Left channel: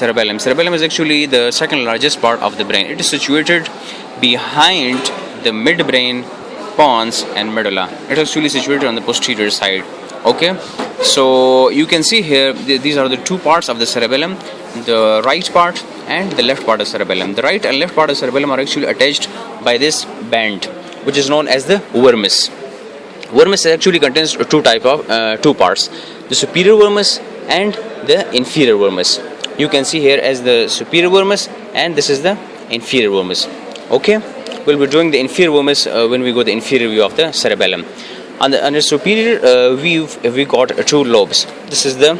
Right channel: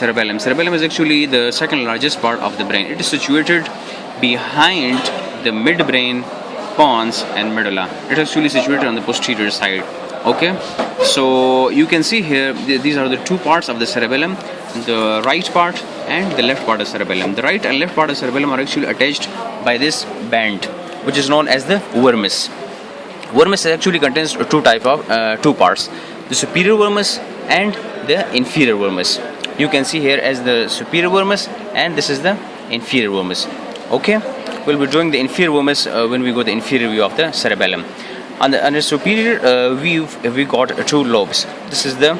Cerebellum. Cerebellum is actually the second largest part of the brain. It is situated behind the midbrain, pons, and medulla. It is actually situated on the posterior side. Okay, so you can see here these are the two parts of the cerebellum, the right part and the left part of cerebellum. The right and left part of cerebellum are actually attached by this band, which is known as the vermis. Vermis actually contains two parts: the superior vermis and the inferior vermis. You can see here as the superior vermis, and this is the inferior vermis. Okay, we'll be drawing the inferior vermis when we go the inferior view of the cerebellum. On the superior view, we got two lobes. This is the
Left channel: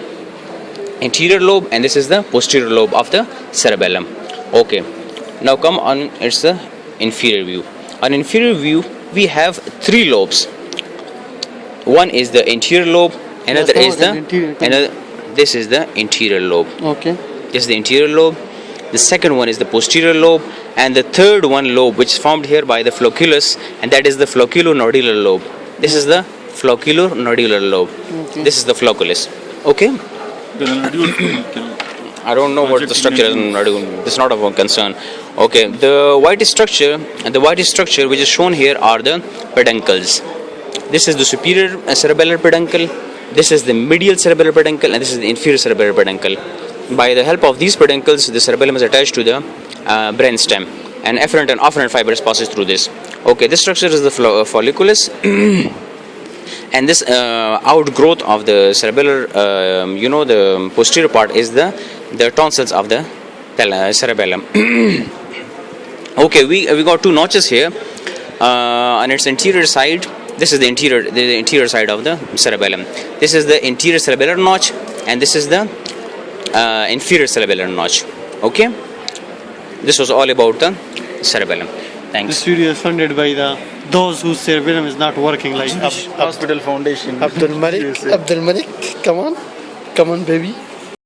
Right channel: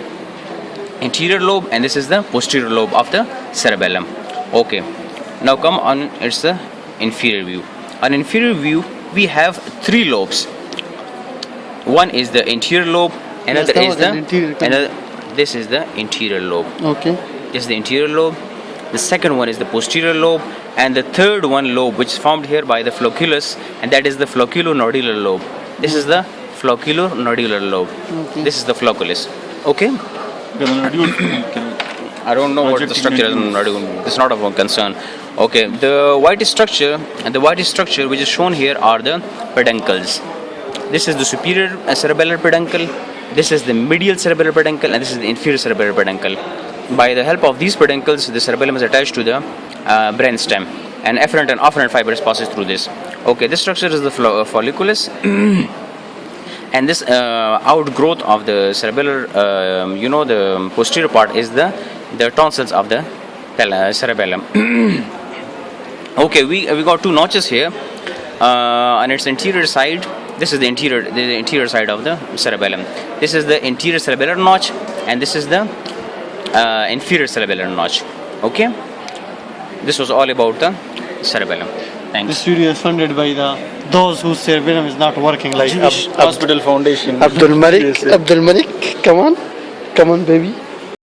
anterior lobe, and this is the posterior lobe of the cerebellum. Okay, now come on, it's the inferior view. On inferior view, we have three lobes. One is the anterior lobe, another is the this is the anterior lobe. Okay. This is the anterior lobe. The second one is the posterior lobe, and the third one lobe, which is formed here by the flocculus, and that is the flocculonodular lobe. This is the flocculonodular lobe. Okay. This is the flocculus. Okay. I don't know what the structure is. It's not of a concern. Okay. The white structure which is shown here are the peduncles. This is the superior cerebellar peduncle. This is the medial cerebellar peduncle, and this is the inferior cerebellar peduncle. By the help of these peduncles, the cerebellum is attached to the brain stem, and afferent and afferent fibers passes through this. Okay, this structure is the folliculus, and this outgrowth of the cerebellar, the posterior part is the tonsils of the cerebellum. Okay, we got two notches here on its anterior side. This is the interior side of the cerebellum. This is the anterior cerebellar notch, and this is the inferior cerebellar notch. Okay, this was all about the cerebellum. Thanks. This video is funded by those whose cerebellum is not working, like Hospital Foundation. Abdul Malik. Come on, baby.